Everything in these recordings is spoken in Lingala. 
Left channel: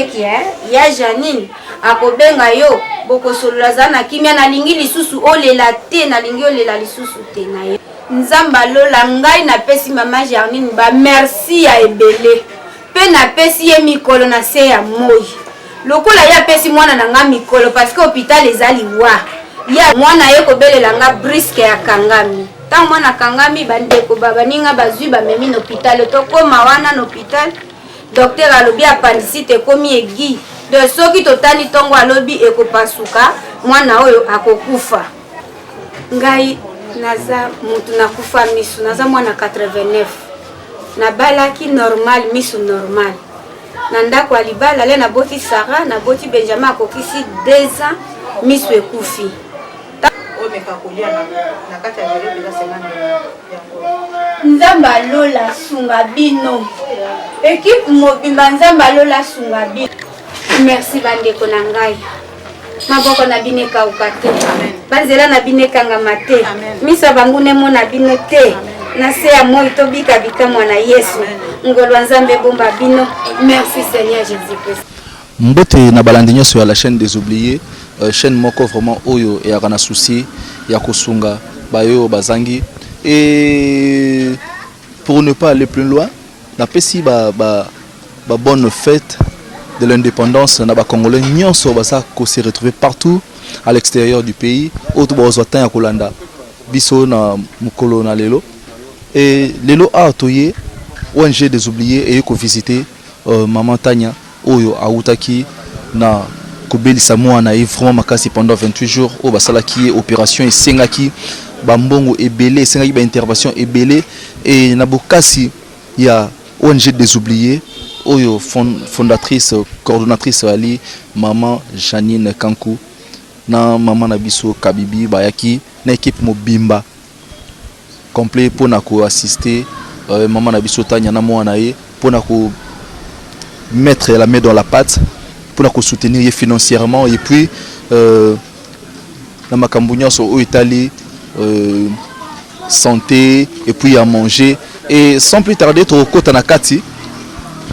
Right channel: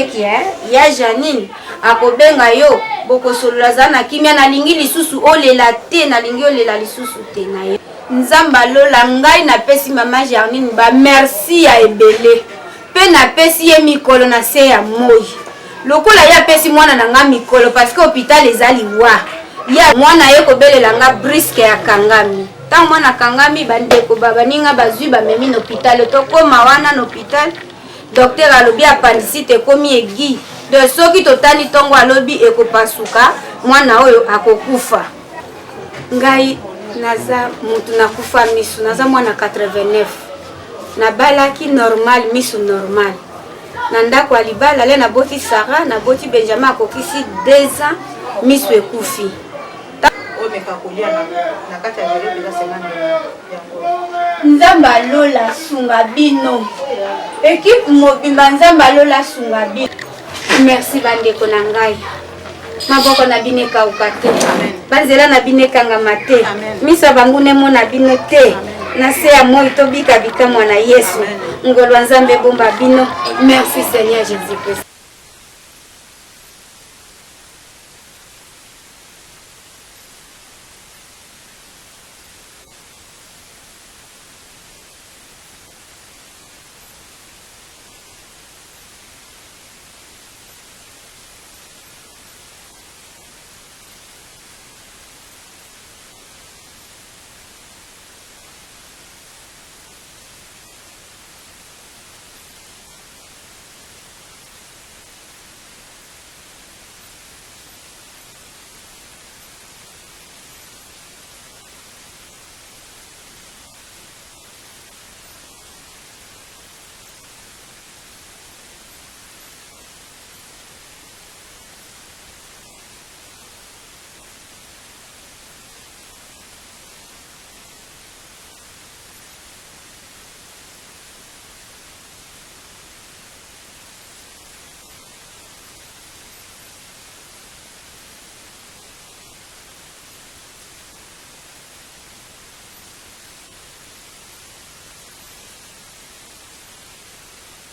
seki ya Janine akobenga yo bokosolola za na kimia na lingi lisusu olela te na lingi olela lisusu te na yo nzamba lola ngai na pesi mama Janine ba merci ya ebele pe na pesi ye mikolo na se ya moi lokola ya pesi mwana na nga mikolo parce que hôpital ezali wa ya mwana ye kobelela nga briske ya kangami tant mwana kangami bandeko babaninga bazwi bamemi na hôpital tokoma wana na hôpital docteur alobi appendicite ekomi egi de soki totali tongo alobi ekopasuka mwana oyo akokufa ngai naza mutu nakufa misu naza mwana 89 nabalaki normal misu normal na ndako ya libala le naboti Sarah naboti Benjamin akokisi 2 ans misu ekufi nzamba lola sunga bino équipe mobimba nzamba lola sunga bino merci bandeko na ngai maboko na bino ekauka te banzela na bino ekangama te miso bango nemo na bino te na se ya moi tobika bikamwa na Yesu ngolo nzambe bomba bino merci Seigneur Jésus-Christ. Mbote na balandi nyonso ya la chaîne des oubliés chaîne moko vraiment oyo ya kana souci ya kosunga bayo bazangi et pour ne pas aller plus loin na pesi ba bonne fête de l'indépendance na ba congolais nyonso basa ko se retrouver partout à l'extérieur du pays auto bozota ya kolanda biso na mukolo na lelo et lelo a toyé ONG des oubliés et ko visiter maman Tanya oyo autaki na kobelisa mwana e vraiment makasi pendant 28 jours au basalaki opération et sengaki bambongo ebele sengaki ba intervention ebele et na bokasi ya ONG des oubliés oyo fondatrice coordonnatrice ali maman Janine Kankou na maman na biso Kabibi bayaki na équipe mobimba complet pour na ko assister maman na biso Tanya na mwana ye pour na ko mettre la main dans la pâte pour la soutenir financièrement et puis la macambounia sur Italie santé et puis à manger et sans plus tarder trop côté Nakati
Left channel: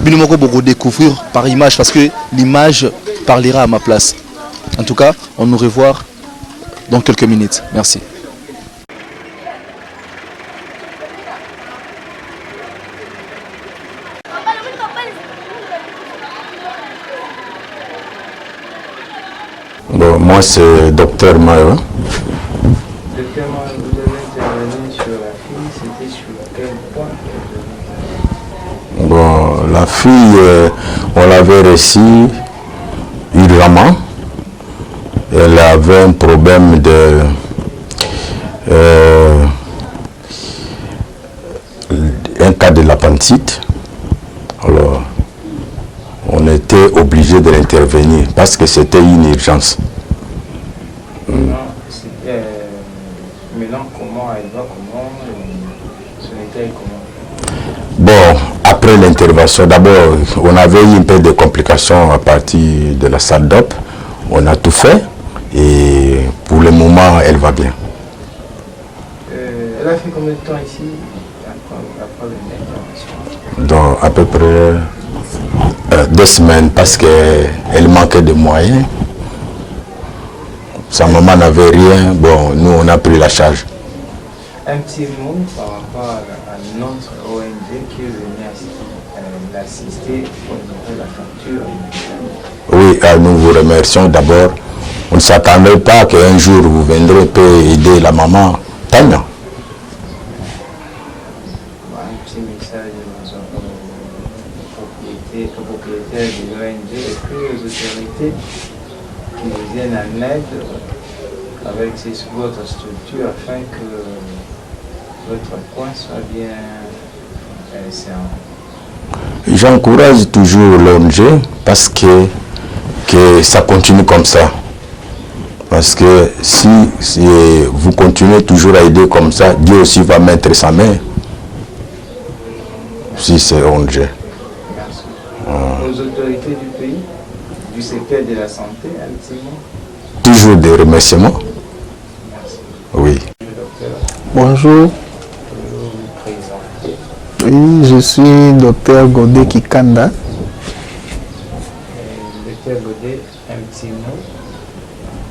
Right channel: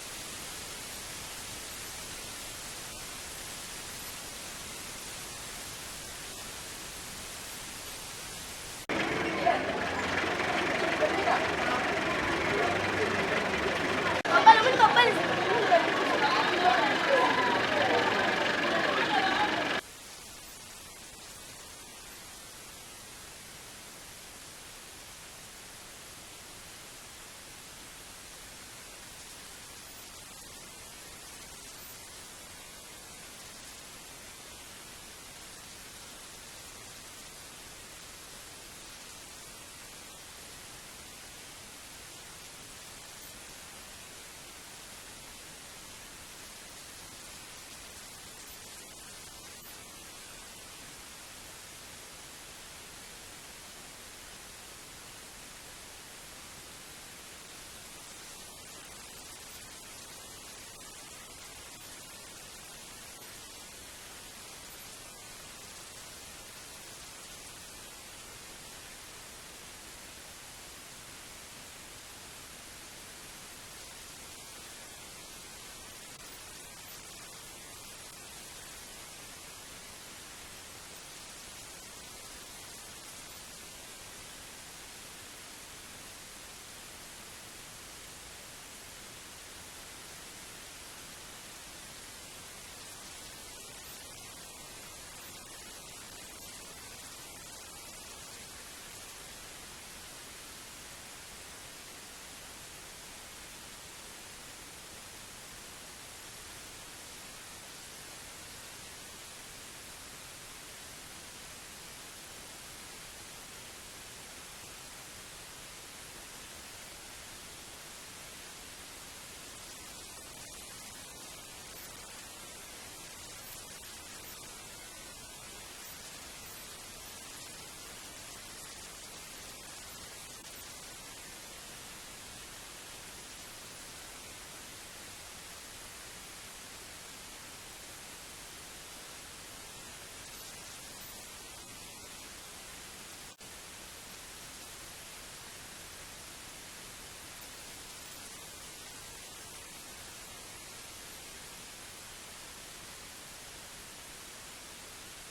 binimoko beaucoup découvrir par image parce que l'image parlera à ma place. En tout cas, on nous revoit dans quelques minutes. Merci. Bon, moi c'est Docteur Mayo. Docteur Mayo, vous avez intervenu sur la fille, c'était sur quel point? Bon, la fille, on l'avait reçue urgemment. Elle avait un problème de un cas de l'appendicite. Alors, on était obligé de l'intervenir parce que c'était une urgence. Maintenant, comment elle va, comment son état est comment? Bon, après l'intervention, d'abord, on avait eu un peu de complications à partir de la salle d'op. On a tout fait et pour le moment, elle va bien. Elle a fait combien de temps ici après l'intervention? Donc, à peu près 2 semaines parce qu'elle manquait de moyens. Sa maman n'avait rien. Bon, nous, on a pris la charge. Un petit mot par rapport à notre ONG qui est venue l'assister au niveau de la facture. Oui, nous vous remercions d'abord. On ne s'attendait pas qu'un jour vous viendrez pour aider la maman Tanya. Un petit message aux propriétaires de l'ONG et puis aux autorités qui nous viennent en aide avec votre structure afin que votre coin soit bien séant. J'encourage toujours l'ONG parce que ça continue comme ça. Parce que si vous continuez toujours à aider comme ça, Dieu aussi va mettre sa main. Si c'est ONG. Merci. Aux autorités du pays, du secteur de la santé, ultimement. Toujours des remerciements. Merci. Oui. Bonjour. Oui, je suis docteur Godé Kikanda. petit mot.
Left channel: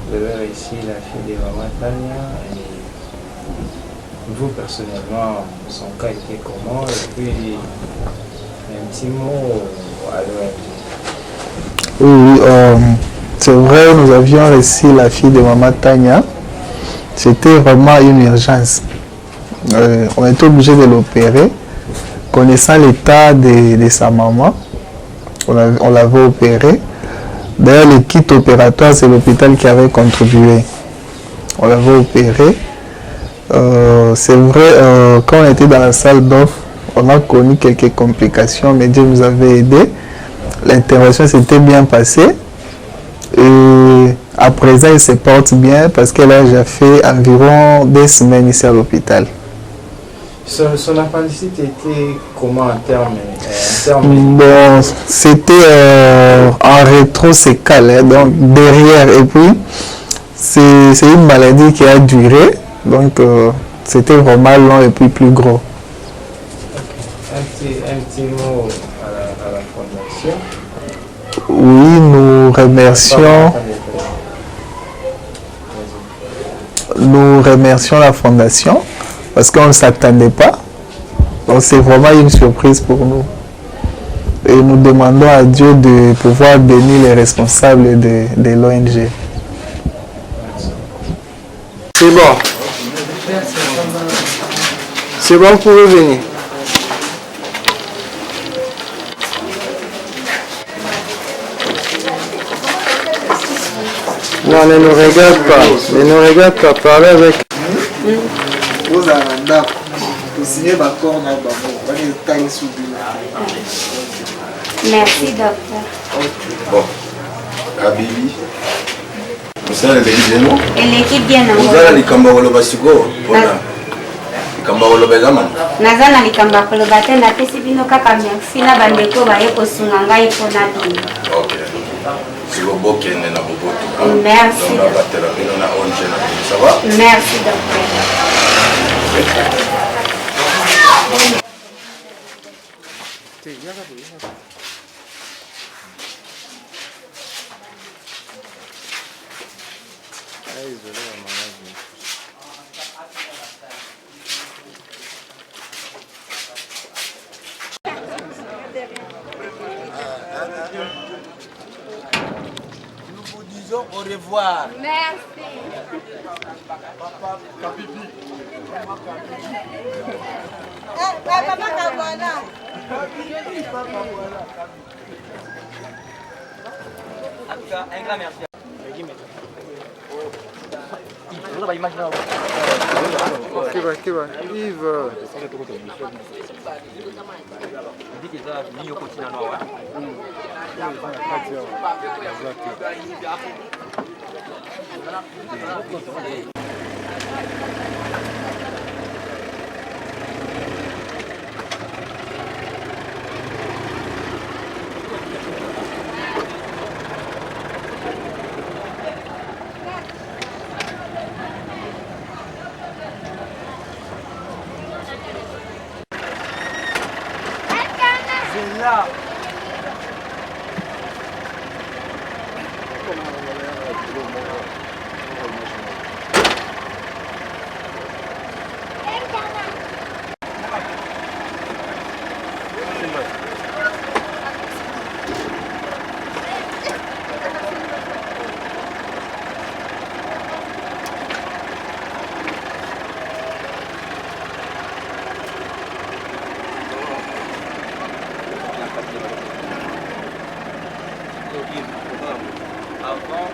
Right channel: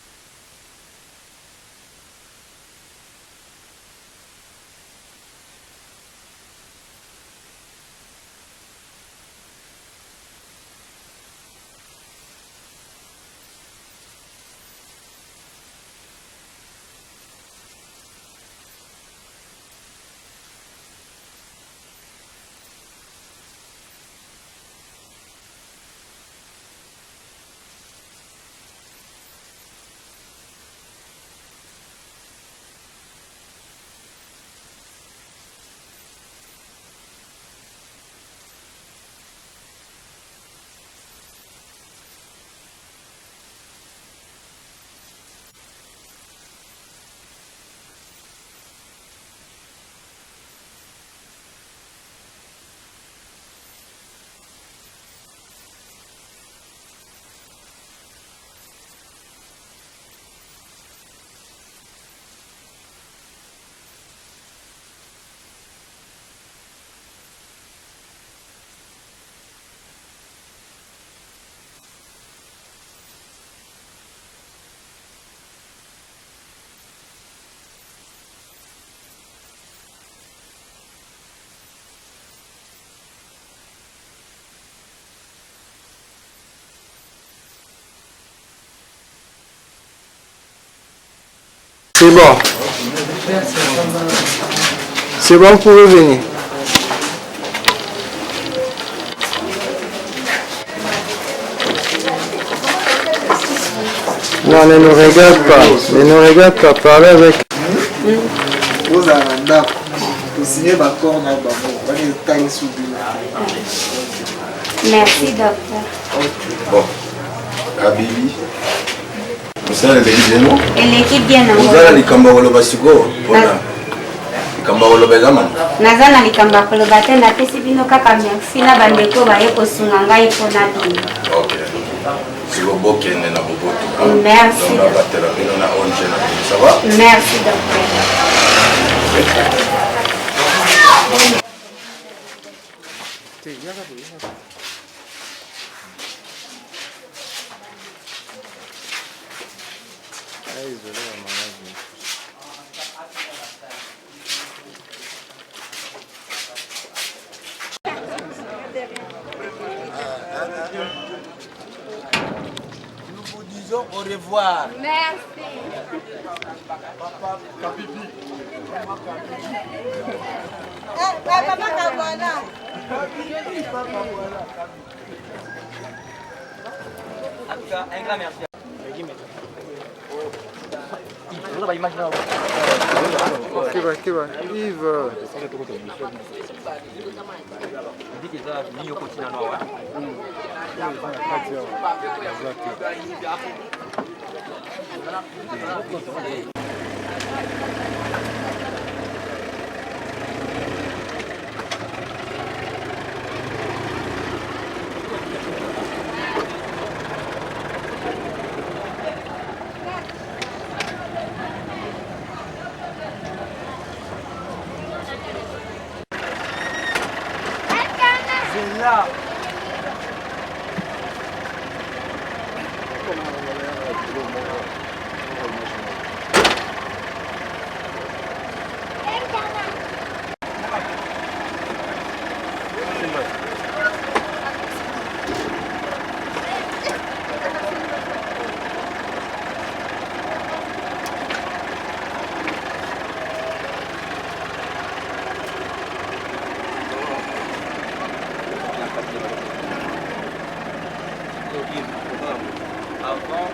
Vous avez réussi la fille de Maman Tania. Et vous, personnellement, son cas était comment? Et puis, un petit mot à l'ONG. Oui, c'est vrai, nous avions reçu la fille de Maman Tania. C'était vraiment une urgence. On était obligé de l'opérer. Connaissant l'état de sa maman, on l'avait opéré. D'ailleurs, le kit opératoire, c'est l'hôpital qui avait contribué. On l'avait opéré. C'est vrai, quand on était dans la salle d'offre, on a connu quelques complications, mais Dieu nous avait aidés. L'intervention s'était bien passée. Et à présent, il se porte bien parce qu'elle a déjà fait environ 2 semaines ici à l'hôpital. Son appendicite était comment en termes Bon, c'était en rétro-sécale, hein, donc derrière. Et puis, c'est une maladie qui a duré. Donc, c'était vraiment long et puis plus gros. Un petit mot à la fondation. Oui, nous remercions la fondation parce qu'on ne s'attendait pas. Donc c'est vraiment une surprise pour nous. Et nous demandons à Dieu de pouvoir bénir les responsables de l'ONG. C'est bon. C'est bon, vous pouvez venir. Non, ne nous regarde pas. Ne nous regarde pas. Parlez avec. Vous avez vous signez d'accord dans le Merci, docteur. Bon, Habibi, vous allez les bien, Et l'équipe bien vous allez les Kambawolo Basiko. Kambawolo Bezaman. naza na likambo ya koloba te napesi bino kaka merci na bandeko baye kosunga ngai mpona bino. Ok. Si vous bokene na boboto. Merci. Donc, on va te rappeler, on a ONG na boboto. Ça va? Merci, docteur. Nous vous disons au revoir. Merci. Papa Kabibi. Papa Kabwana. En tout cas, un grand merci. Yves. Là. Avant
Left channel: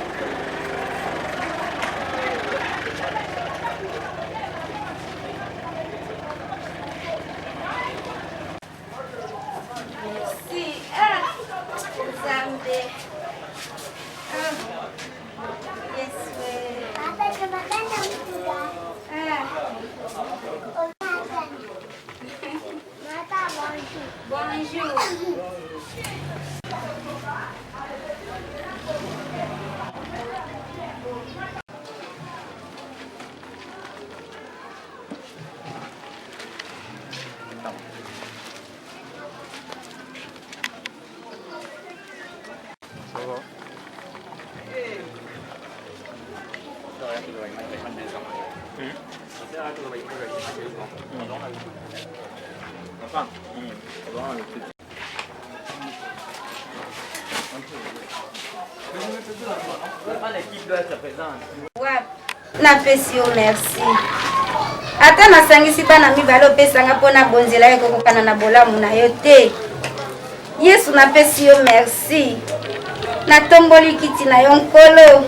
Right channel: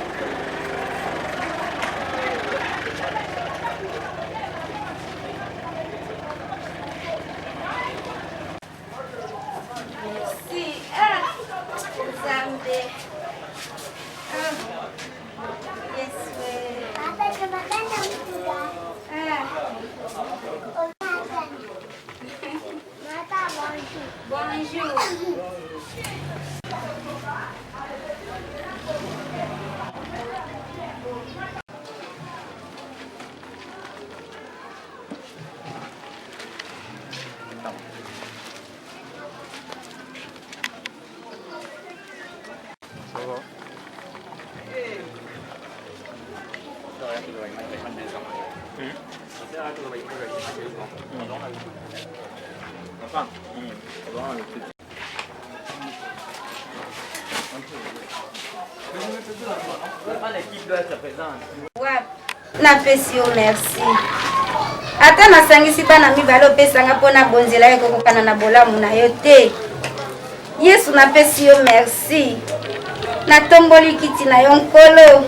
napesi yo merci ata nasangisi bana mibale opesanga mpona bonzela yo kokokana na bolamu na yo te yesu napesi yo merci natomboli kiti na yo nkolo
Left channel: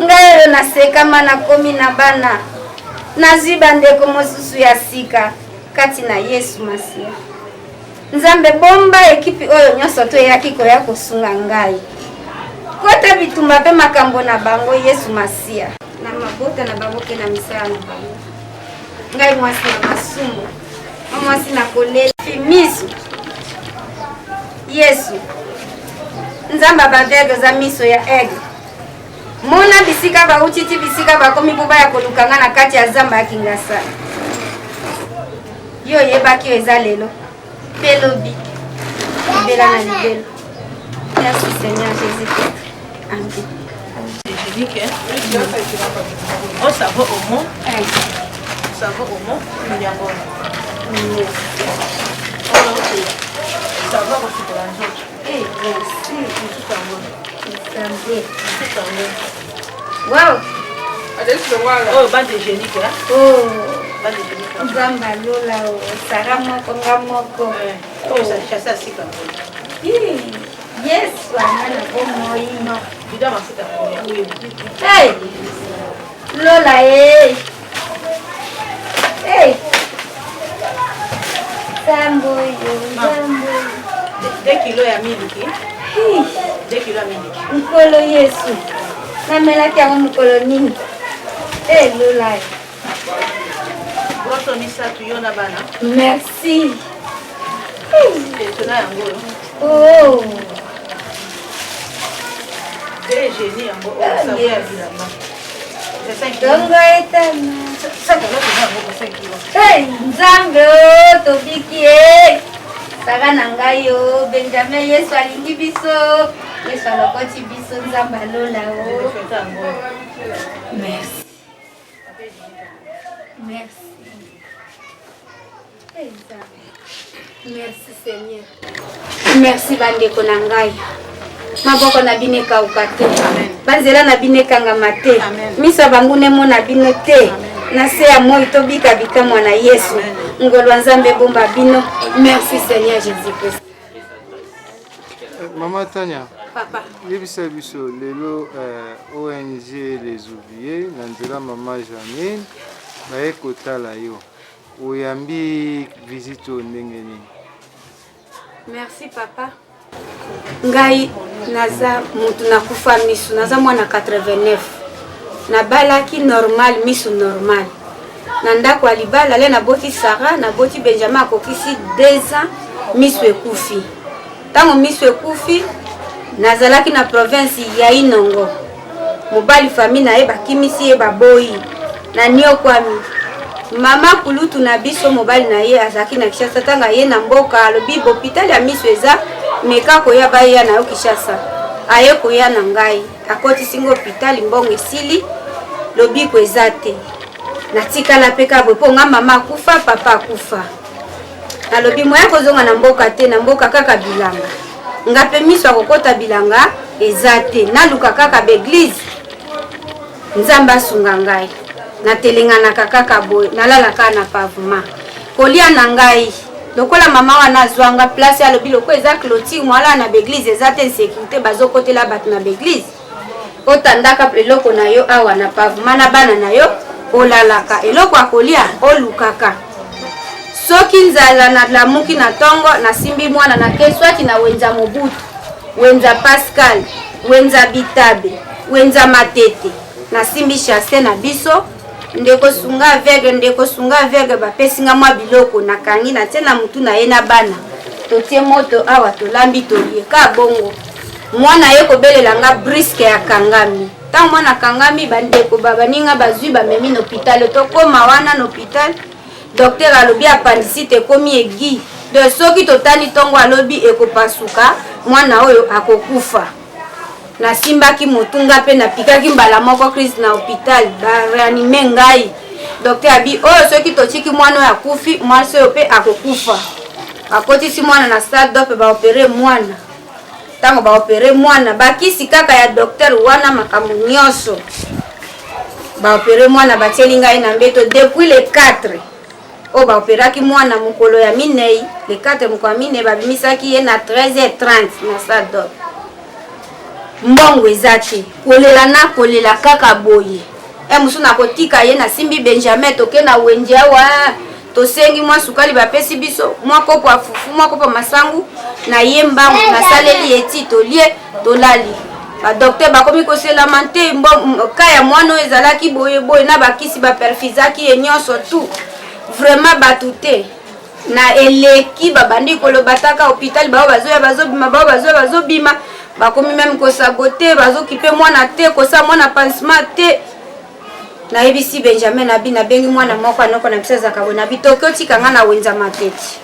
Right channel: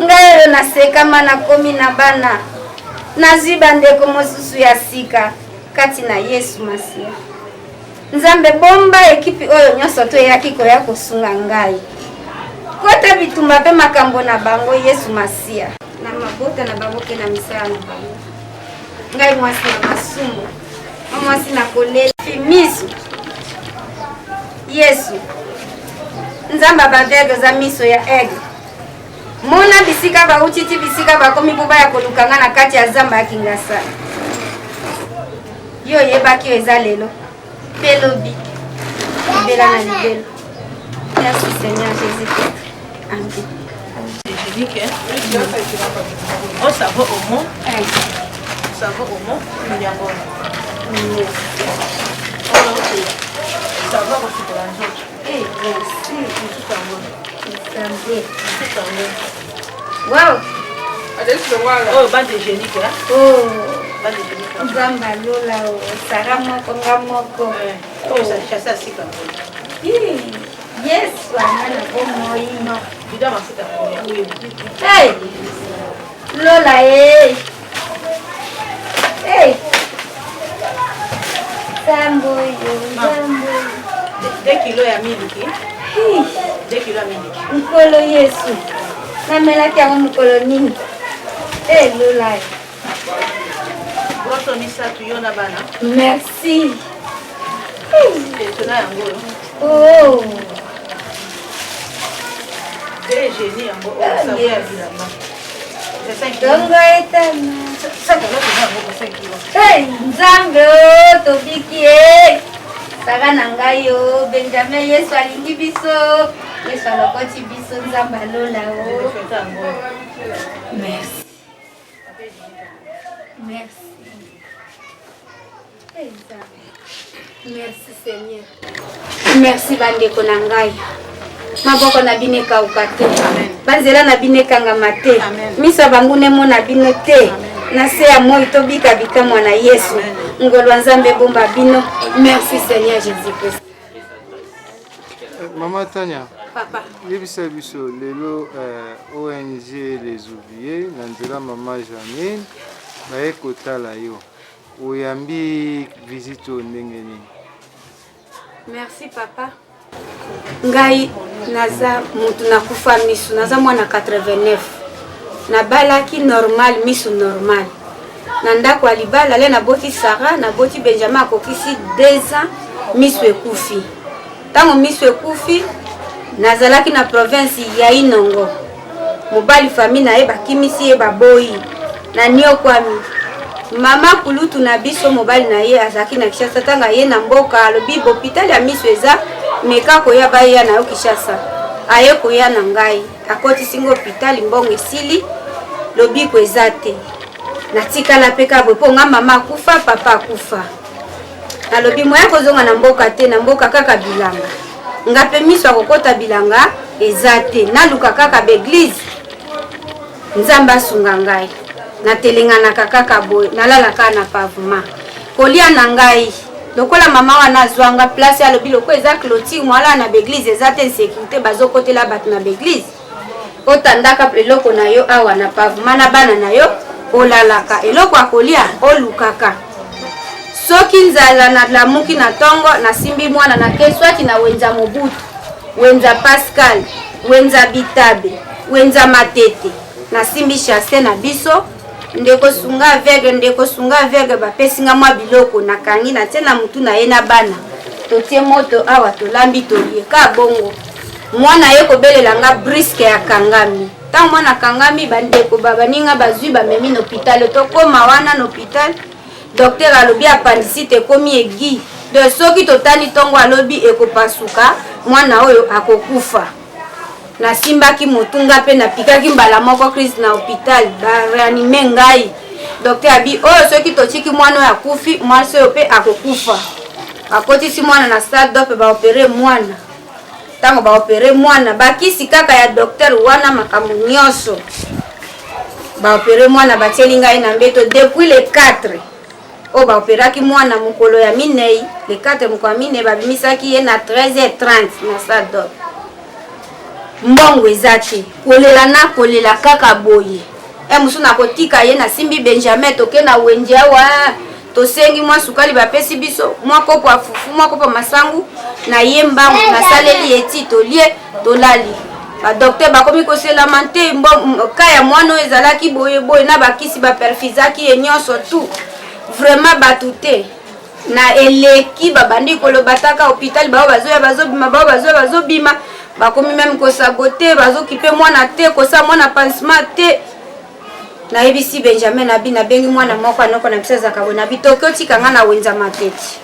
ngai oyo nasekama nakomi na bana nazwi bandeko mosusu ya sika kati na yesu masiya nzambe bomba ekipi oyo nyonso to eyaki koya kosunga ngai kota bitumba mpe makambo na bango yesu masiya na mabota na bango mpe na misala na bango ngai mwasi na masumu mwasi na kolela miso yesu nzambe abavege oza miso ya ege mona bisika bautiti bisika bakomi mpo ya kolukanga na kati ya zamba ya kingasa yo yebaki yo eza lelo mpe lobi libela na libelo merci seigneur jésus christ amen. Oh, ça va au moins. Ça va au moins. Ça va aussi pour la joie. Eh, merci. Wow. Oh, bande de génique là. Oh. Bande de génique. Nzamba lola o. Sara moko ngamoko. Oh, ça chasse à sika. Yes, wana bomoi. Non, bida masika. Oui. Hey. Lola eh. Hey. Sambo yo, sambo. 2 kilos ya miliki. 2 kilos ya miliki. Mkolo Yesu. Namelaki yango mkolo nini? Eh Lola. Broso misatu yo na bana. Merci. Tona yango. Oh. Des génies yango. Ça va ya bilamba. Dongo etana. Ça va ya 5 kilos. Hey, nzambe o tobiki e. Saka na ngai yo, Benjamin Yesu alingi biso. Yesu alokoti biso nzambe alola o. Merci. Merci. Hey, nzambe. Merci Seigneur. Merci bandeko na ngai. Maboko na bino ekauka te, banzela na bino ekangama te, miso bango nemo na bino te, na se ya moi tobika bikamwa na Yesu. Ngolo ya Nzambe bomba bino. Merci Seigneur Jésus-Christ. Maman Tania, Papa. yebisa biso lelo ONG Les Oubliés na nzela Maman Janine baye kotala yo. Oyambi visite o ndenge nini? Merci papa. Ngai naza mutu nakufa misu, naza mwana 89. Nabalaki normal misu normal. Na ndako ya libala le naboti Sara, naboti Benjamin akokisi 2 ans misu ekufi. Tango misu ekufi nazalaki na province ya Inongo. Mobali famille na ye bakimisi ye baboyi. Na niokwami mama kulutu na biso mobali na ye azaki na Kishasa tanga ye na mboka alobi hôpital ya miso eza meka koya baya na yo Kishasa aye koya na ngai akoti singo hôpital mbongo esili lobi ko eza te natikala peka bwepo nga mama kufa papa kufa alobi moya kozonga na mboka te na mboka kaka bilanga ngape miso akokota bilanga eza te naluka kaka beglise nzamba sunga ngai na telengana kaka boy nalalaka na pavement kolia na ngai lokola mama wana zwanga place ya lobi loko eza clôture mwala na beglise eza te sécurité bazokotela bato na beglise otandaka eloko na yo awa na pavement na bana na yo olalaka eloko akolia olukaka soki nzala na lamuki na tongo na simbi mwana na keswati na wenza mobutu wenza Pascal wenza bitabe wenza matete na simbi chasse na biso ndeko sunga aveugle bapesinga mwa biloko nakangi na tena mutu na ye na bana totie moto awa tolambi tolie ka bongo mwana ye kobelela nga briske ya kangami tango mwana kangami bandeko babaninga bazwi bamemi na hôpital tokoma wana na hôpital docteur alobi appendicite ekomi egi de soki totali tongo alobi ekopasuka mwana oyo akokufa na simbaki motunga pe na pikaki mbala moko crise na hôpital ba réanimé ngai docteur abi oh soki tochiki mwana ya kufi mwasi oyo pe akokufa akotisi mwana na stade dope ba opérer mwana tango ba opérer mwana bakisi kaka ya docteur wana makambo nyonso ba opérer mwana batieli ngai na mbeto depuis le 4 o ba opéraki mwana mukolo ya minei le 4 mukolo minei babimisaki ye na 13h30 na stade dope mbongo ezate kolela na kolela kaka boye musu na kotika ye na simbi Benjamin toke na wenje awa tosengi mwa sukali bapesi biso mwa kopo afufu mwa kopo masangu na ye mbangu na saleli eti tolie tolali ba docteur bakomi ko se lamenter kaya mwana ezalaki boye boye na bakisi ba perfizaki ye nyonso tout vraiment batute na eleki babandi koloba taka hôpital bao bazobima bakomi même ko saboter bazokipe mwana te kosa mwana pansement te na ebisi Benjamin na bina bengi mwana moko anoko na biseza kabona bitoko tikanga na wenza mateti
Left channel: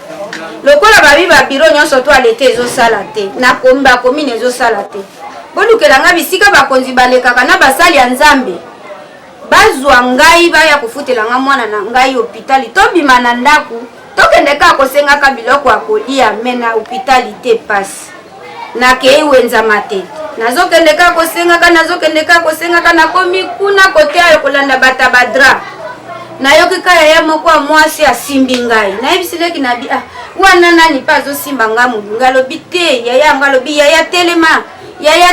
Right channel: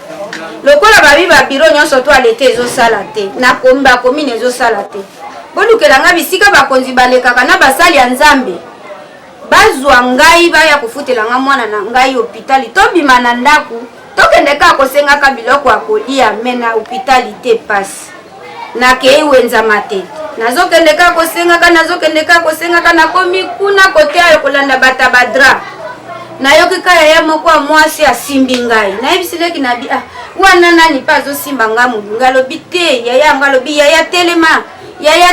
lokola babi ba biro nyonso to alete ezo sala te na komba komine ezo sala te bolukela nga bisika bakonzi balekaka na basali ya Nzambe bazwa ngai baya kufutela nga mwana na ngai hôpital to bima na ndaku tokende ka kosenga ka biloko akolia mena hôpital te passe na kei wenza mateti nazokende ka kosenga ka na komi kuna kote ayo kolanda bata badra na yoki kaya ya moko mwasi asimbi ngai na ebisileki na bi wana nani pa zo simba ngamu ngalobi te yaya ngalobi yaya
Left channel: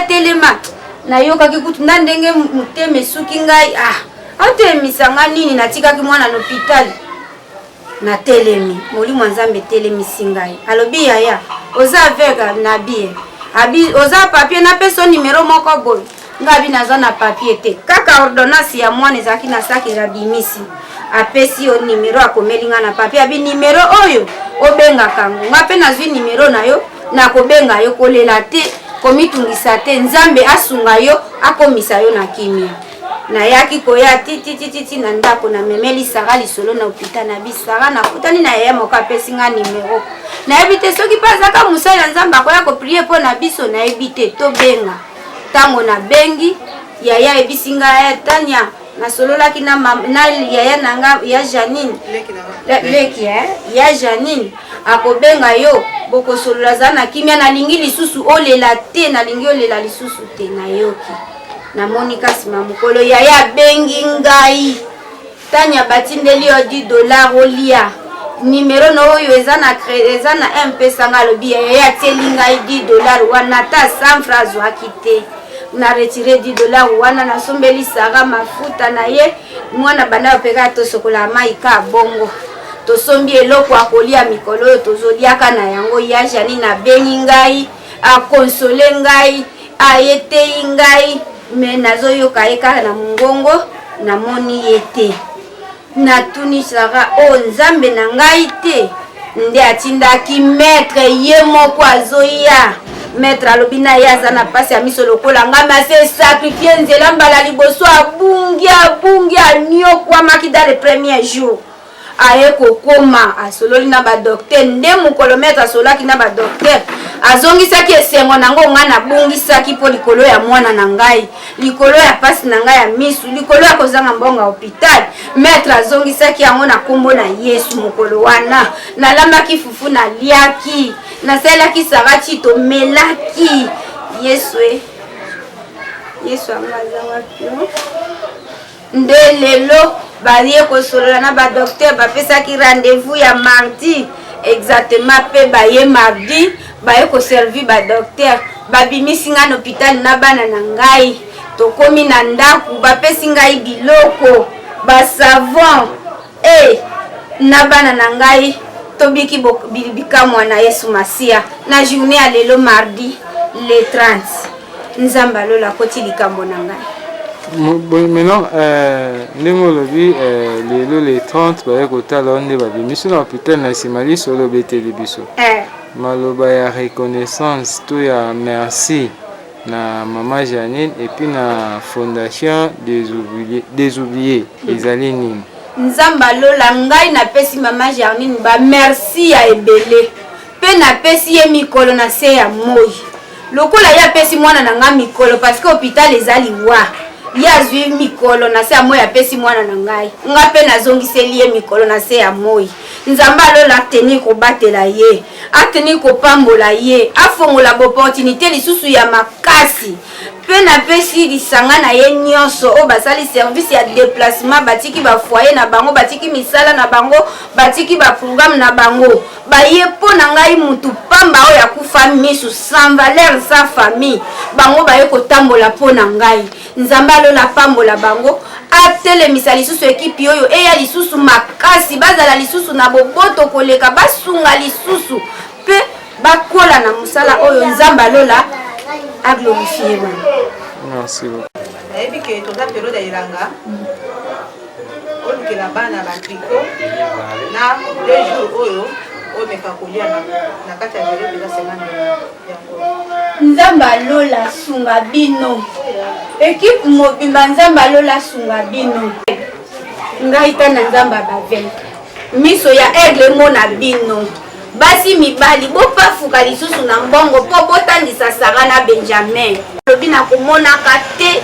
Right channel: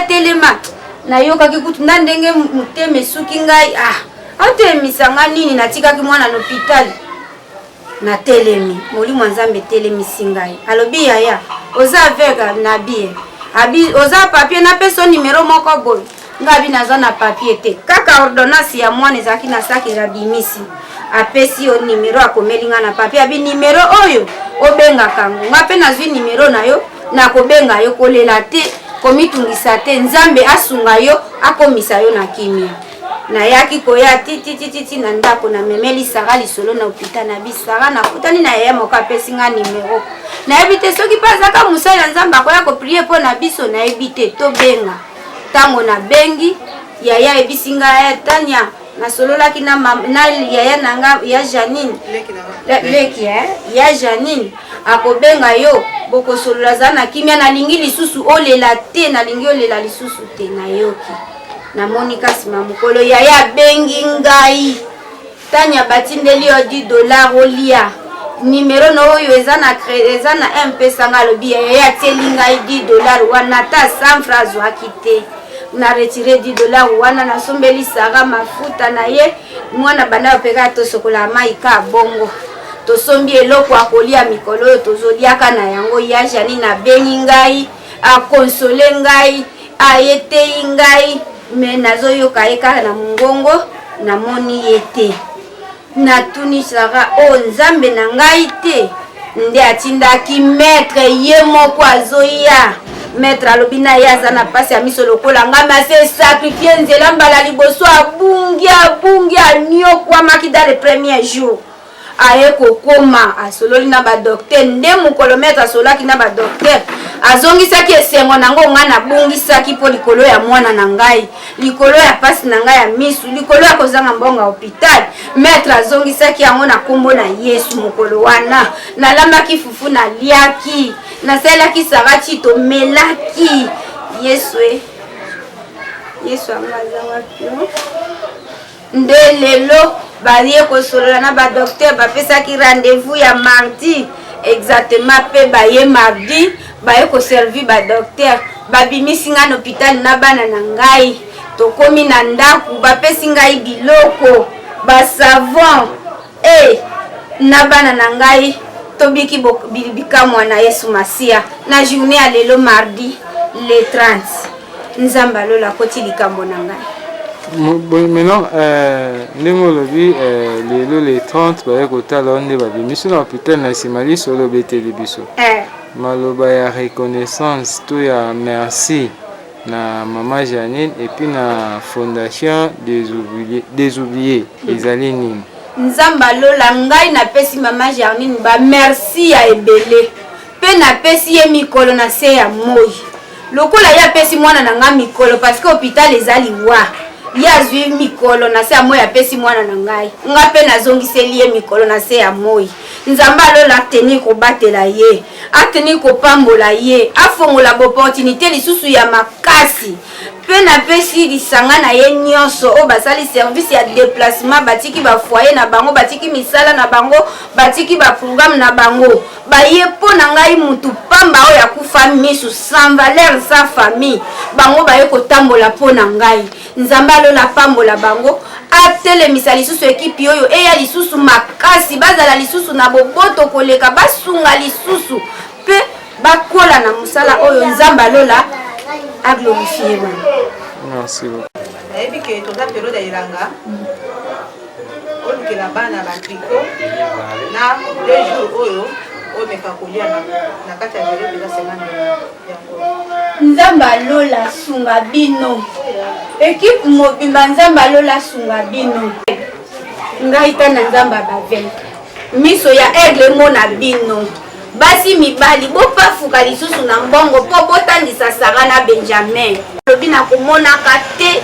telema na yoka kikutu na ndenge muteme suki ngai atemisa nini natikaki mwana na hôpital na telemi Molimo Nzambe telemi singai alobi yaya oza avega na bie abi oza papier na peso numéro moko boy ngabi naza na papier te kaka ordonnance ya mwana ezaki na saki rabimisi apesi o numéro akomelinga na papier abi numéro oyo obenga kango ngape nazwi numéro na yo na kobenga yo kolela te komitungisa te Nzambe asunga yo akomisa yo na kimia na yaki koya titi na ndako na memeli sara lisolo na hôpital na bisara na kutani na yaya moko apesi nga numéro na ebite soki pasaka musala ya Nzambe akoya ko prier po na biso na ebite to benga tango na bengi yaya ebisinga ya Tanya na sololaki na yaya nanga ya Janine leki ya Janine akobenga yo boko solola zana kimia na lingi lisusu olela te na lingi olela lisusu te na yoki na Monica sima mukolo yaya bengi ngai Tanya batindeli yo $10 olia numéro no oyo eza na MP sanga lobi yaya teli ngai $10 wana ta 100 francs wakite na retirer $10 wana na sombeli sara mafuta na ye mwana bana opeka to sokola maika bongo to sombi eloko akolia mikolo to zoliaka na yango ya jani na bengi ngai a consoler ngai a yete ngai me nazoyoka eka na mungongo na moni yete na tuni sara o Nzambe na ngai te nde atindaki maître ye moko azoya maître alobina yaza na pasi ya miso lokola ngama se sacrifier nzela mbala liboso abungi anyokwa maki dans le premier jour aye kokoma asololi na ba docteur nde mukolo maître asolaki na ba docteur azongisaki esengo nango ngana bungisaki po likolo ya mwana na ngai likolo ya pasi na ngai ya misu likolo ya kozanga mbonga hôpital maître azongisaki yango na kombo na Yesu mukolo wana nalambaki fufu na liaki nasalaki sarati to melaki Yesu amaza wapi nde lelo balie kosolola na ba docteur bapesaki rendez-vous ya mardi exactement pe baye mardi baye ko servi ba docteur babimisi nga na hôpital na bana na ngai tokomi na ndaku bapesi ngai biloko ba savon na bana na ngai tobiki bikamwa na Yesu Masia na journée ya lelo mardi le 30 Nzamba lola koti likambo na ngai. Maintenant, ndenge olobi lelo le 30 baye kotala onde babimisi na hôpital na simali solo beteli biso maloba ya reconnaissance to ya merci na Maman Janine et puis na fondation des oubliés ezali nini? Nzamba lola ngai na pesi Maman Janine ba merci ya ebele pe na pesi ye mikolo na se ya moi lokola ya pesi mwana na nga mikolo parce que hôpital ezali wa ya zwi mikolo na se ya moi apesi mwana na ngai nga pe nazongiseli ye mikolo na se ya moi nzambe alola ateni kobatela ye ateni kopambola ye afongola boportunité lisusu ya makasi pe napesi lisanga na ye nyonso oyo basali service ya déplacement batiki bafoyer na bango batiki misala na bango batiki baprogramme na bango baye mpo na ngai mutu pamba oyo akufa misu sans valeur sans famille bango baye kotambola mpo na ngai nzambe alola pambola bango atelemisa lisusu ekipi oyo eya lisusu makasi bazala lisusu na boboto koleka basunga lisusu pe bakola na mosala oyo nzambe alola aglorifie bango. Merci beaucoup. nayebi ke toza periode ya elanga olukela bana batriko na 2 jours oyo omeka kolia na kati ya velo peza semane yango nzambe alola sunga bino ekipe mobimba nzambe alola sunga bino ngai tana nzambe abavele miso ya aigle mona bino basi mibali bopafuka lisusu na mbongo mpo botandisa Sara na Benjamin lobi na komonaka te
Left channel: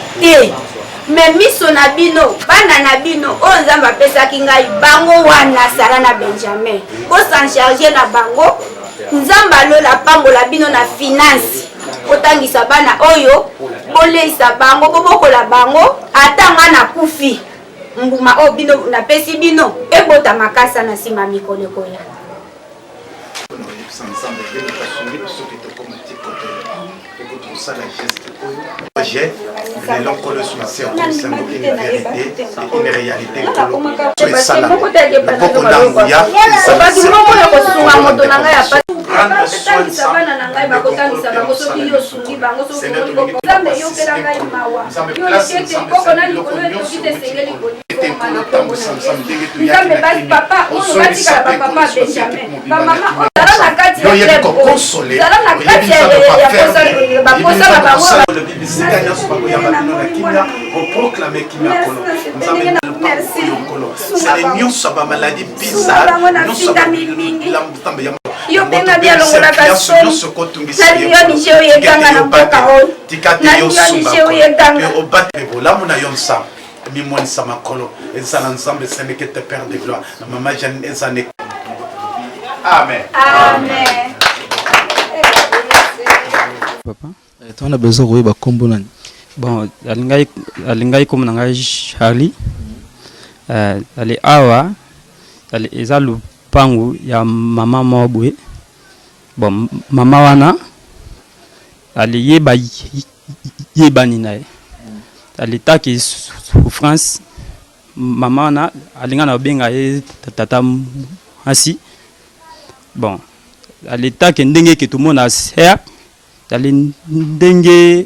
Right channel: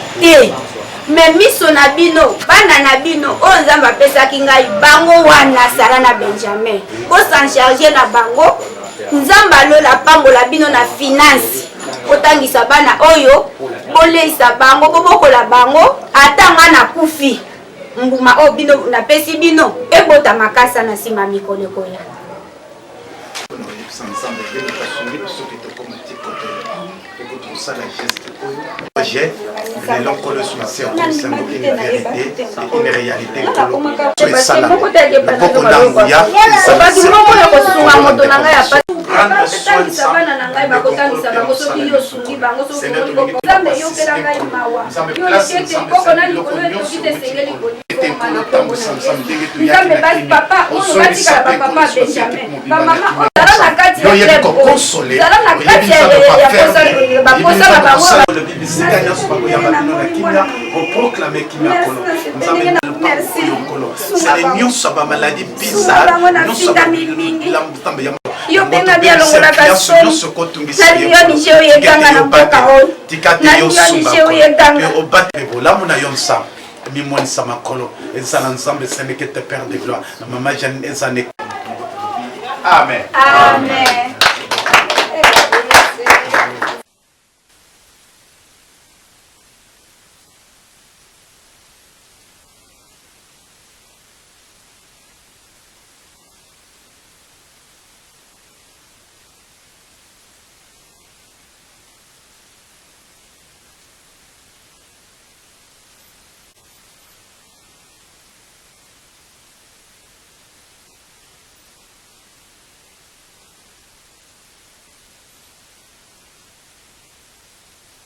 me miso na bino bana na bino oyo nzambe apesaki ngai bango wana Sara na Benjamin bosan charge na bango nzambe alola pambola bino na finance otangisa bana oyo boleisa bango bobokola bango ata nga na kufi mbuma oyo bino napesi bino ebota makasa na nsima mikolo koya projet de l'encolo sur la serre une vérité et une réalité sur ça là beaucoup d'angoia prendre soin de ça maladie bizarre yo benga bia longola kasoni na yo yekanga na mboka oyo na yo yekanga olamu na yo nsa mimonisa makolo ezala ensemble seneke te père de gloire na mama Jeanne ezane amen amen papa on a besoin de ba kombo nani Bon, alingai comme nanga Charlie ali awa ali ezalu pangu ya mama mobwe bon mama wana ali yeba ni nae ali taki souffrance mama wana alinga na benga ye tata asi bon ali taki ndenge ke tout le monde a ser ali ndenge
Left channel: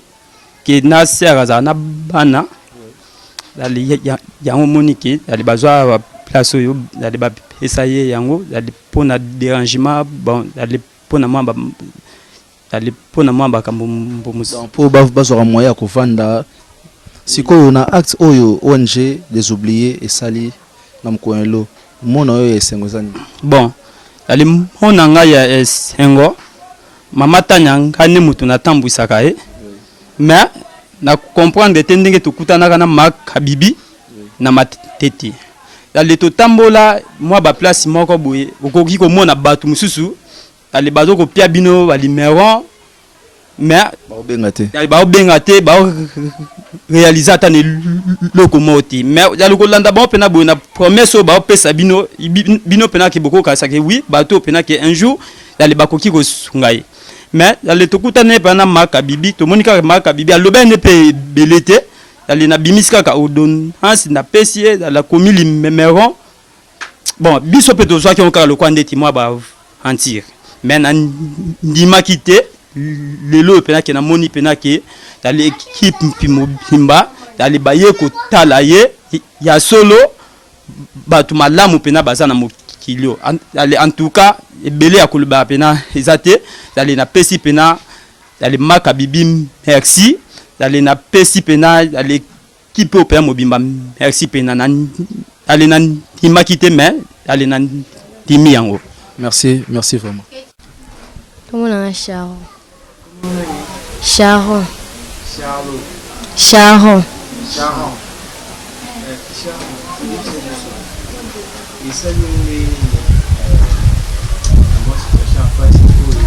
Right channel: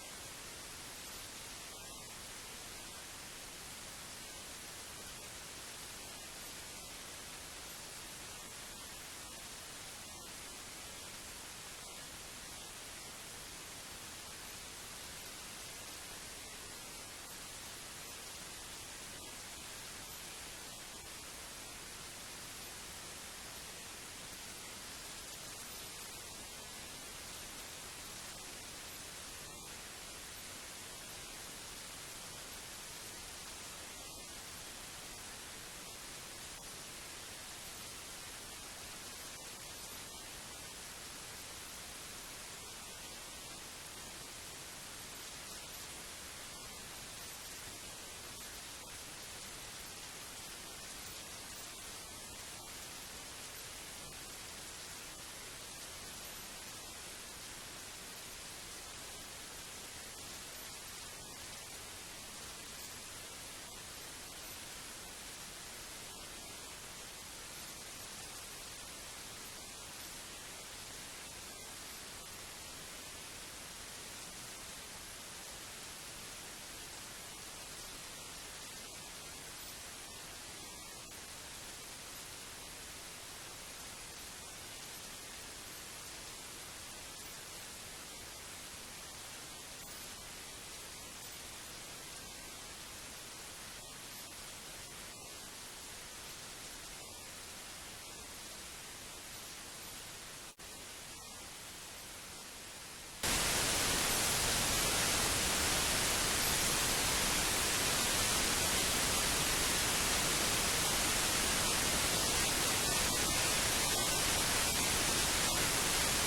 ke na ser za na bana ali yango monike ali bazwa wa place yo ali ba essayer yango ali pona dérangement bon ali pona mamba ali pona mamba kambo pour bazwa moya ko vanda sikoyo na acte oyo ONG des oubliés et sali na mkoelo mona oyo esengo zani bon ali mona nga ya esengo mama tanya ngani mutu na tambwisaka mais na comprendre tendenge tukutana na makabibi na matete ali to tambola moi ba place moko boye okoki ko mona batu mususu ali bazo ko pia bino ba numéro mais ba bengate ba réaliser ta ne lokomoti mais ya lokolanda ba pena boye na promesse ba pesa bino pena ki boko ka sake oui bato pena ki un jour ali bakoki ko sungai mais ali to kutana pena makabibi to monika makabibi aloba ne pe belete ali na bimiska ka odon hansi na pesie la komili numéro bon biso pe to ki on ka le coin de moi ba antir mais na ndima kité lelo pena ke na moni pena ke dali équipe pimba dali baye ko talaye ya solo batu malamu pena bazana mokilio dali en tout cas ebele ya kuluba pena ezate dali na pesi pena dali makabibi merci dali na pesi pena dali kipe opera mobimba merci pena na dali na imakite mais dali na timi yango merci vraiment comment on a Sharon. Charlotte. Sharon. Sharon. Et ça, nous, moi, c'est la fois, c'est pour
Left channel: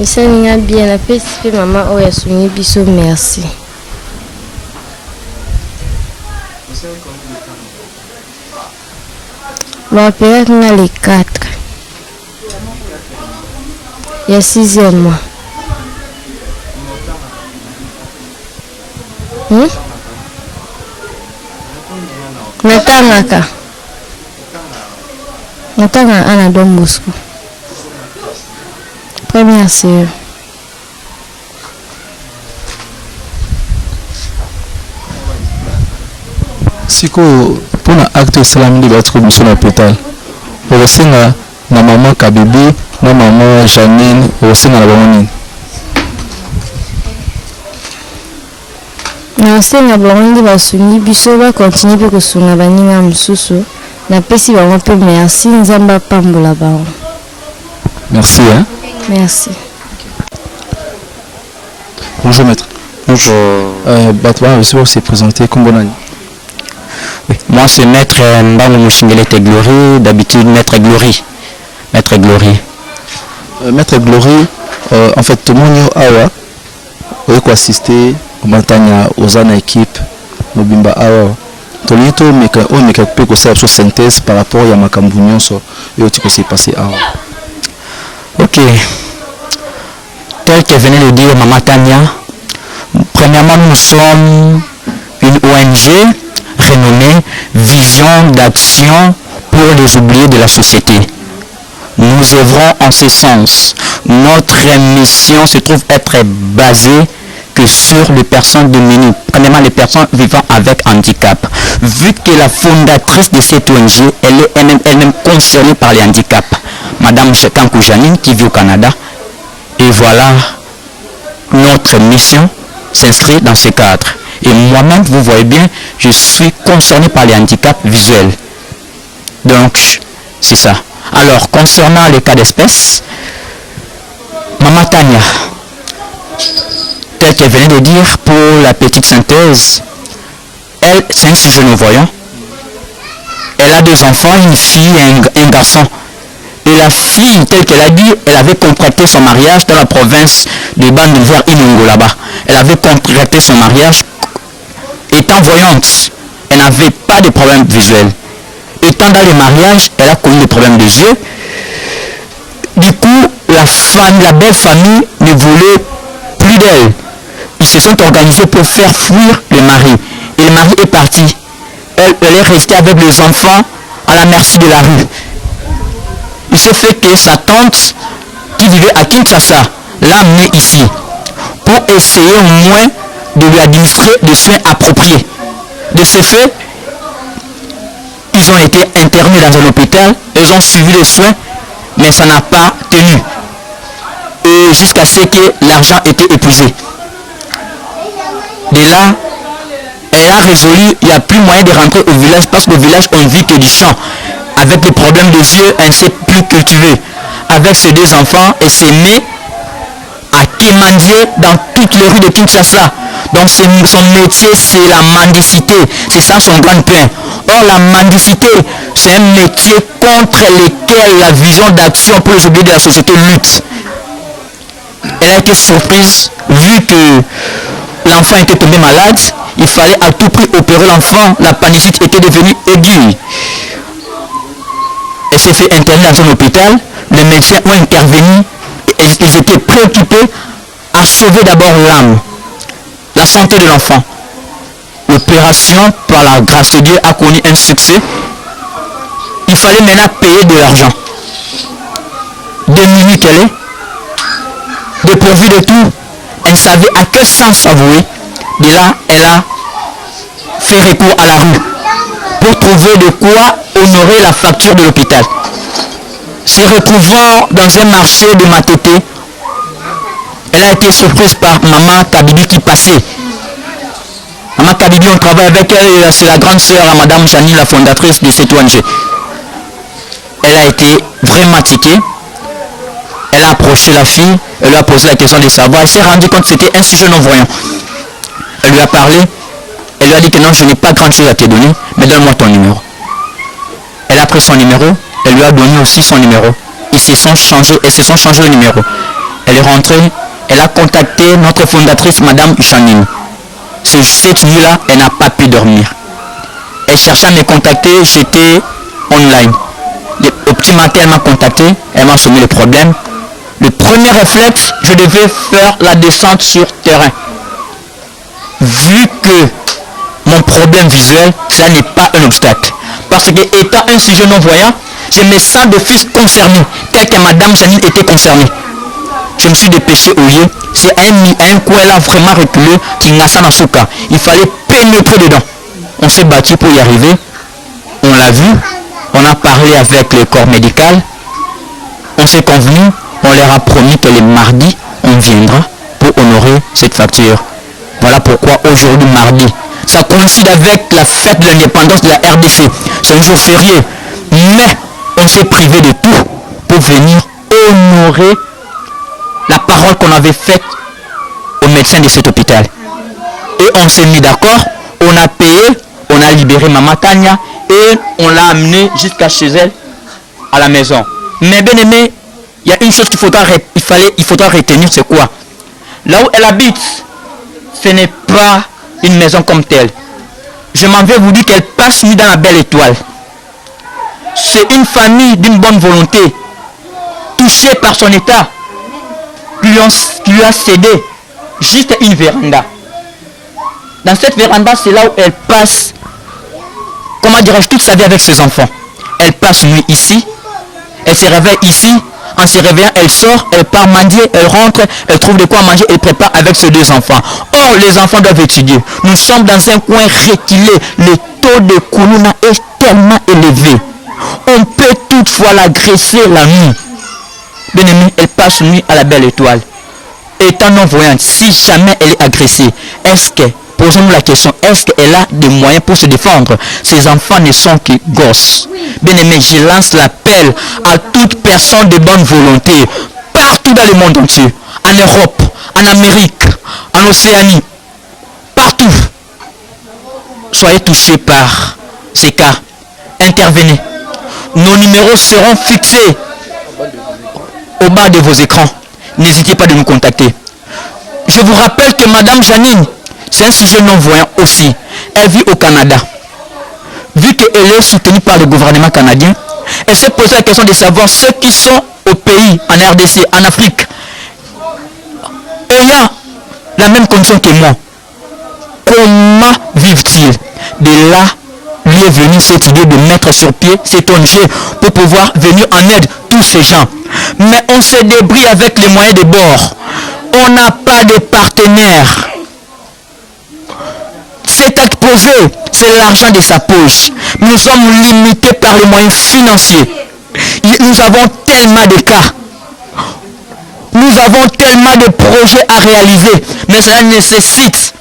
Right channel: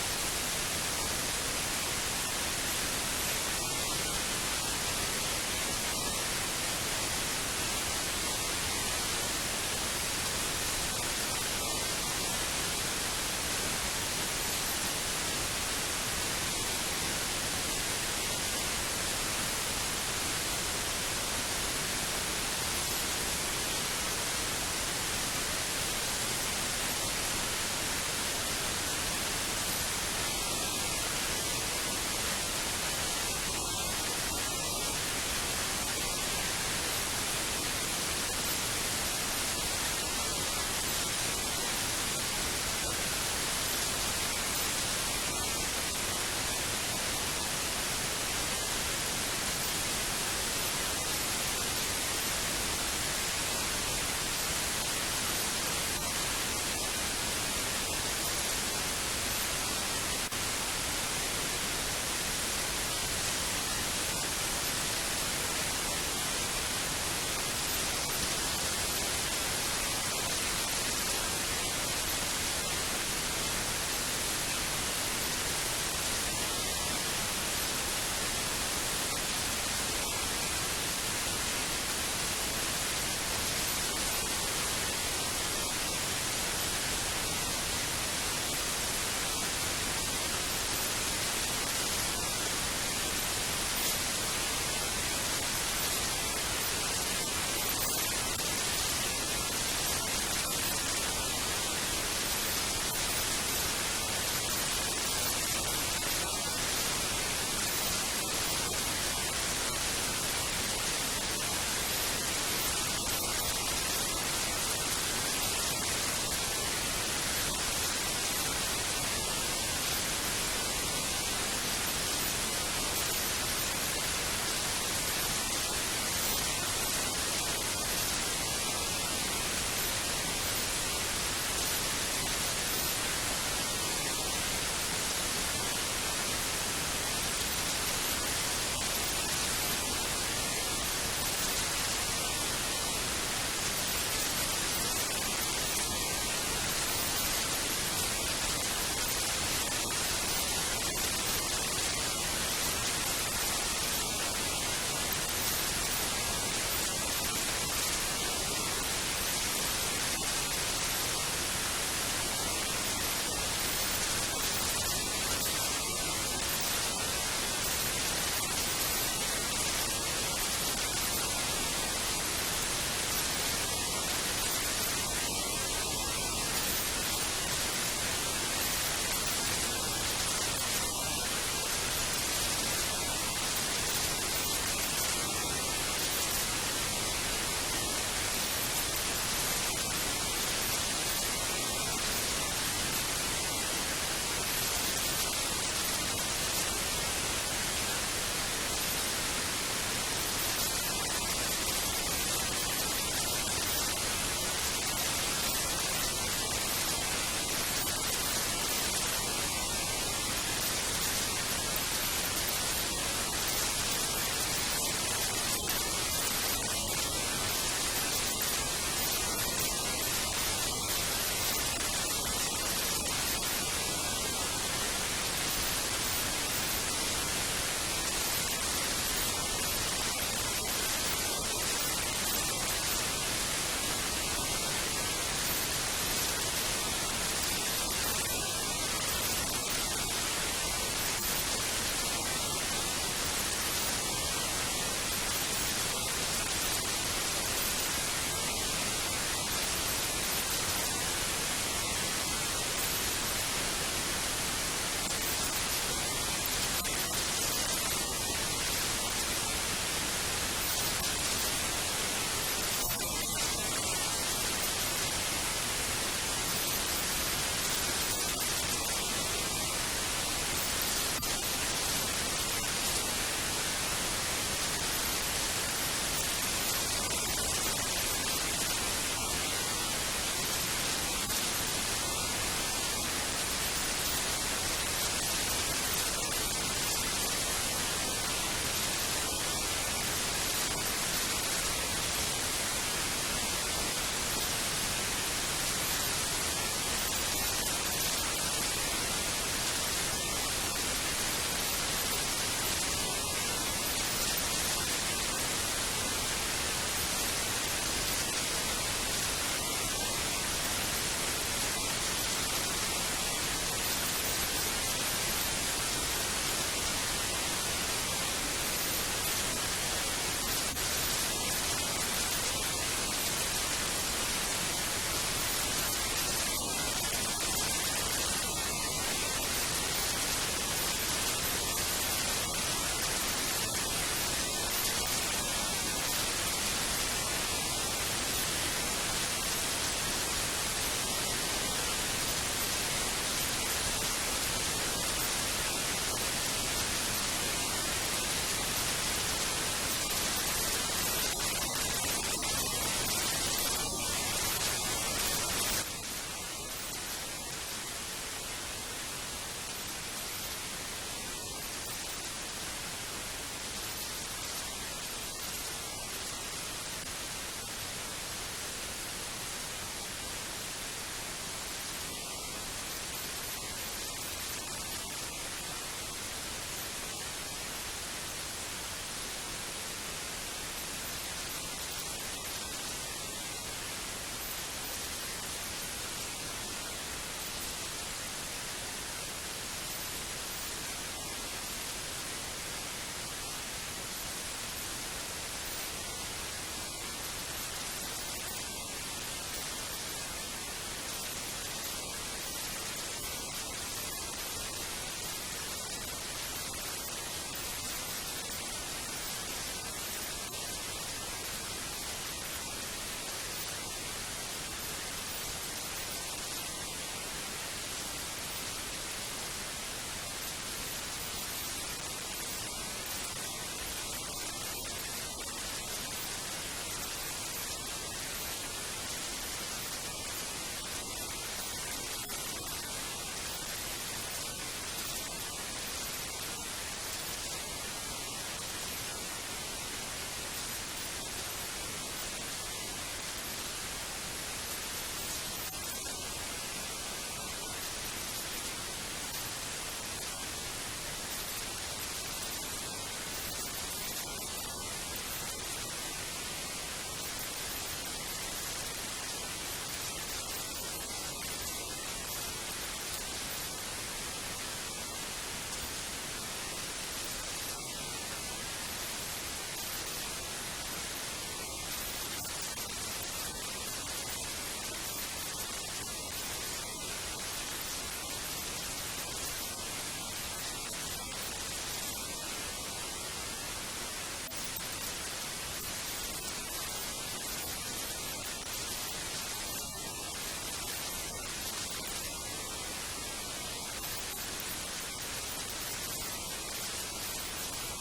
Et ça, nous a bien la paix, c'est maman, oh, yasuni, biso, merci. Bon, après, on a les 4. Il y a 6e mois. Natangaka. Natanga ana Don Bosco. Première sœur. Siko pona acte salam de batko biso na hôpital. Osenga na maman Kabibi, na maman Janine, osenga na bango. Na osenga bango basuni biso ba continuer pe kosunga baninga mususu. Na pesi bango pe merci nzamba pambola bango. Merci hein. Merci. Bonjour maître. Bonjour. Batwa aussi s'est présenté comme bon année. Oui. Moi c'est maître Mbango Mouchingelete Glory, d'habitude maître Glory. Maître Glory. Maître Glory, en fait tout le monde awa eko assister au matanya aux ana équipe mobimba awa. Tolito meka o meka pe ko sa synthèse par rapport à makambu nyonso et au s'est passé awa. OK. Tel que venait de dire Maman Tania, premièrement nous sommes une ONG renommée Vision d'action pour les oubliés de la société. Nous œuvrons en ce sens. Notre mission se trouve être basée que sur les personnes démunies, premièrement les personnes vivant avec handicap. Vu que la fondatrice de cette ONG, elle est elle-même concernée par les handicaps, Madame Chekankou Janine qui vit au Canada. Et voilà, notre mission s'inscrit dans ce cadre. Et moi-même, vous voyez bien, je suis concerné par les handicaps visuels. Donc, c'est ça. Alors, concernant les cas d'espèce, Maman Tania, tel qu'elle venait de dire pour la petite synthèse, elle, c'est un sujet non-voyant. Elle a 2 enfants, une fille et un garçon. Et la fille, telle qu'elle a dit, elle avait contracté son mariage dans la province de Bandung vers Inongo là-bas. Elle avait contracté son mariage étant voyante. Elle n'avait pas de problème visuel. Étant dans le mariage, elle a connu des problèmes des yeux. Du coup, la belle famille ne voulait plus d'elle. Ils se sont organisés pour faire fuir le mari. Et le mari est parti. Elle est restée avec les enfants à la merci de la rue. Il s'est fait que sa tante, qui vivait à Kinshasa, l'a amenée ici pour essayer au moins de lui administrer des soins appropriés. De ce fait, ils ont été internés dans un hôpital, ils ont suivi les soins, mais ça n'a pas tenu. Et jusqu'à ce que l'argent était épuisé. De là, elle a résolu, il n'y a plus moyen de rentrer au village parce qu'au village, on vit que du champ. Avec les problèmes des yeux, elle ne sait plus cultiver. Avec ses 2 enfants, elle s'est mise à quémander dans toutes les rues de Kinshasa. Donc son métier, c'est la mendicité. C'est ça son grand pain. Or, la mendicité, c'est un métier contre lequel la vision d'action pour les oubliés de la société lutte. Elle a été surprise, vu que l'enfant était tombé malade. Il fallait à tout prix opérer l'enfant. La panicite était devenue aiguë. Elle s'est fait interner dans un hôpital. Les médecins ont intervenu. Ils étaient préoccupés à sauver d'abord l'âme, la santé de l'enfant. L'opération, par la grâce de Dieu, a connu un succès. Il fallait maintenant payer de l'argent. Démunie qu'elle est, dépourvue de tout, elle ne savait à quel sens s'avouer. De là, elle a fait recours à la rue pour trouver de quoi honorer la facture de l'hôpital. Se retrouvant dans un marché de Matete, elle a été surprise par Maman Kabibi qui passait. Maman Kabibi, on travaille avec elle, c'est la grande sœur à Madame Janine, la fondatrice de cette ONG. Elle a été vraiment tiquée. Elle a approché la fille, elle lui a posé la question de savoir. Elle s'est rendue compte que c'était un sujet non-voyant. Elle lui a parlé, elle lui a dit que non, je n'ai pas grand chose à te donner, mais donne-moi ton numéro. Elle a pris son numéro, elle lui a donné aussi son numéro. Ils se sont changés le numéro. Elle est rentrée, elle a contacté notre fondatrice, Madame Janine. Cette nuit-là, elle n'a pas pu dormir. Elle cherchait à me contacter, j'étais online. Au petit matin, elle m'a contacté, elle m'a soumis le problème. Le premier réflexe, je devais faire la descente sur terrain. Vu que mon problème visuel, ça n'est pas un obstacle. Parce que étant un sujet non-voyant, je me sens de fils concerné, tel que Madame Janine était concernée. Je me suis dépêché au lieu. C'est un coup, elle a vraiment reculé, il fallait pénétrer dedans. On s'est battu pour y arriver. On l'a vu. On a parlé avec le corps médical. On s'est convenu. On leur a promis que les mardis, on viendra pour honorer cette facture. Voilà pourquoi aujourd'hui, mardi, ça coïncide avec la fête de l'indépendance de la RDC. C'est un jour férié. Mais on s'est privé de tout pour venir honorer la parole qu'on avait faite aux médecins de cet hôpital. Et on s'est mis d'accord, on a payé, on a libéré Maman Tania et on l'a amenée jusqu'à chez elle, à la maison. Mais bien aimé, il y a une chose qu'il faudra retenir, c'est quoi? Là où elle habite, ce n'est pas une maison comme telle. Je m'en vais vous dire qu'elle passe nuit dans la belle étoile. C'est une famille d'une bonne volonté, touchée par son état, qui lui a cédé juste une véranda. Dans cette véranda, c'est là où elle passe, comment dirais-je, toute sa vie avec ses enfants. Elle passe nuit ici, elle se réveille ici, en se réveillant, elle sort, elle part mendier, elle rentre, elle trouve de quoi manger, elle prépare avec ses deux enfants. Or, les enfants doivent étudier. Nous sommes dans un coin reculé, le taux de Koulouna est tellement élevé. On peut toutefois l'agresser la nuit. Bien aimé, elle passe nuit à la belle étoile. Étant non-voyante, si jamais elle est agressée, est-ce que, posons-nous la question, est-ce qu'elle a des moyens pour se défendre? Ces enfants ne sont que gosses. Bien aimé, je lance l'appel à toute personne de bonne volonté, partout dans le monde entier, en Europe, en Amérique, en Océanie, partout. Soyez touchés par ces cas. Intervenez. Nos numéros seront fixés au bas de vos écrans. N'hésitez pas de nous contacter. Je vous rappelle que Madame Janine, c'est un sujet non-voyant aussi. Elle vit au Canada. Vu qu'elle est soutenue par le gouvernement canadien, elle s'est posé la question de savoir ceux qui sont au pays, en RDC, en Afrique, ayant la même condition que moi. Comment vivent-ils? De là, lui est venue cette idée de mettre sur pied cet ONG pour pouvoir venir en aide tous ces gens. Mais on se débrouille avec les moyens de bord. On n'a pas de partenaire. Cet acte posé, c'est l'argent de sa poche. Nous sommes limités par les moyens financiers. Nous avons tellement de cas. Nous avons tellement de projets à réaliser. Mais cela nécessite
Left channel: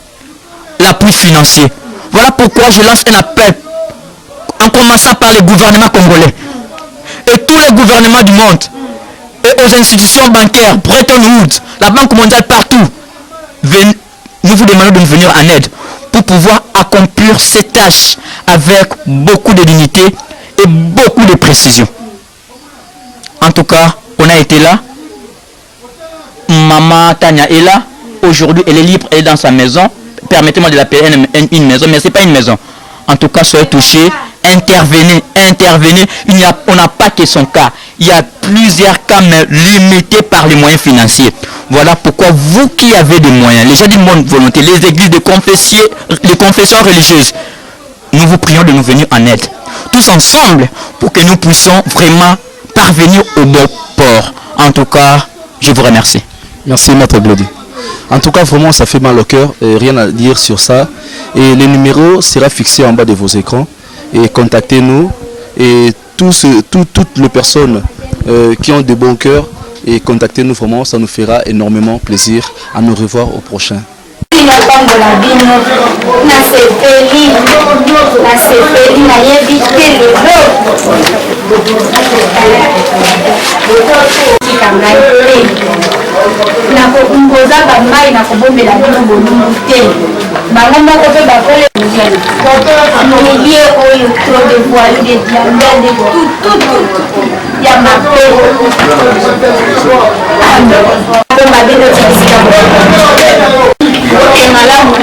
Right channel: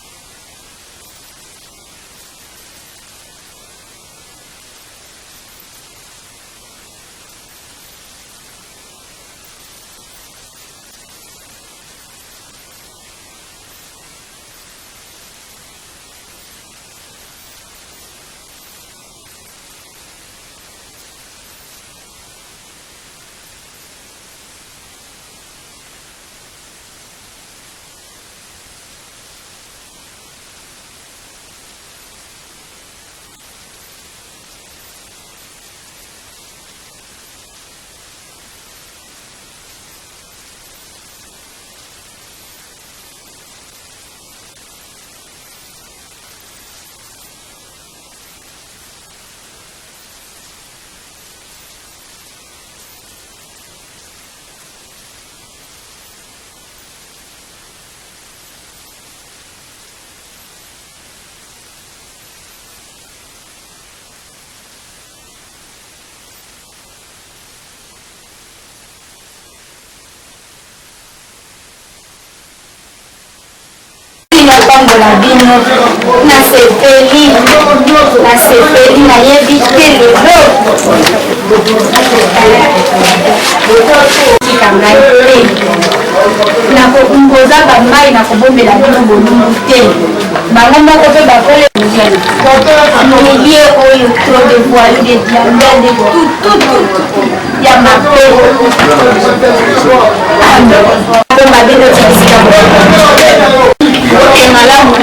l'appui financier. Voilà pourquoi je lance un appel en commençant par les gouvernements congolais et tous les gouvernements du monde et aux institutions bancaires, Bretton Woods, la Banque mondiale, partout. Nous vous demandons de nous venir en aide pour pouvoir accomplir ces tâches avec beaucoup de dignité et beaucoup de précision. En tout cas, on a été là. Maman Tania est là. Aujourd'hui, elle est libre, elle est dans sa maison. Permettez-moi de l'appeler une maison, mais ce n'est pas une maison. En tout cas, soyez touchés, intervenez. On n'a pas que son cas. Il y a plusieurs cas, mais limités par les moyens financiers. Voilà pourquoi vous qui avez des moyens, les gens d'une bonne volonté, les églises de confessions religieuses, nous vous prions de nous venir en aide. Tous ensemble, pour que nous puissions vraiment parvenir au bon port. En tout cas, je vous remercie. Merci, Maître Glody. En tout cas, vraiment, ça fait mal au cœur. Rien à dire sur ça. Et le numéro sera fixé en bas de vos écrans. Et contactez-nous. Et toutes les personnes qui ont de bons cœurs, et contactez-nous vraiment. Ça nous fera énormément plaisir. À nous revoir au prochain. napambola bino nasepeli nayebi te lelo tika ngai te nakokumboza bamai nakobombela bino bolungu te bango moko mpe bakole milie oyo trop de voyou de diamant de tout ya mabe bomba bino tikisika malamu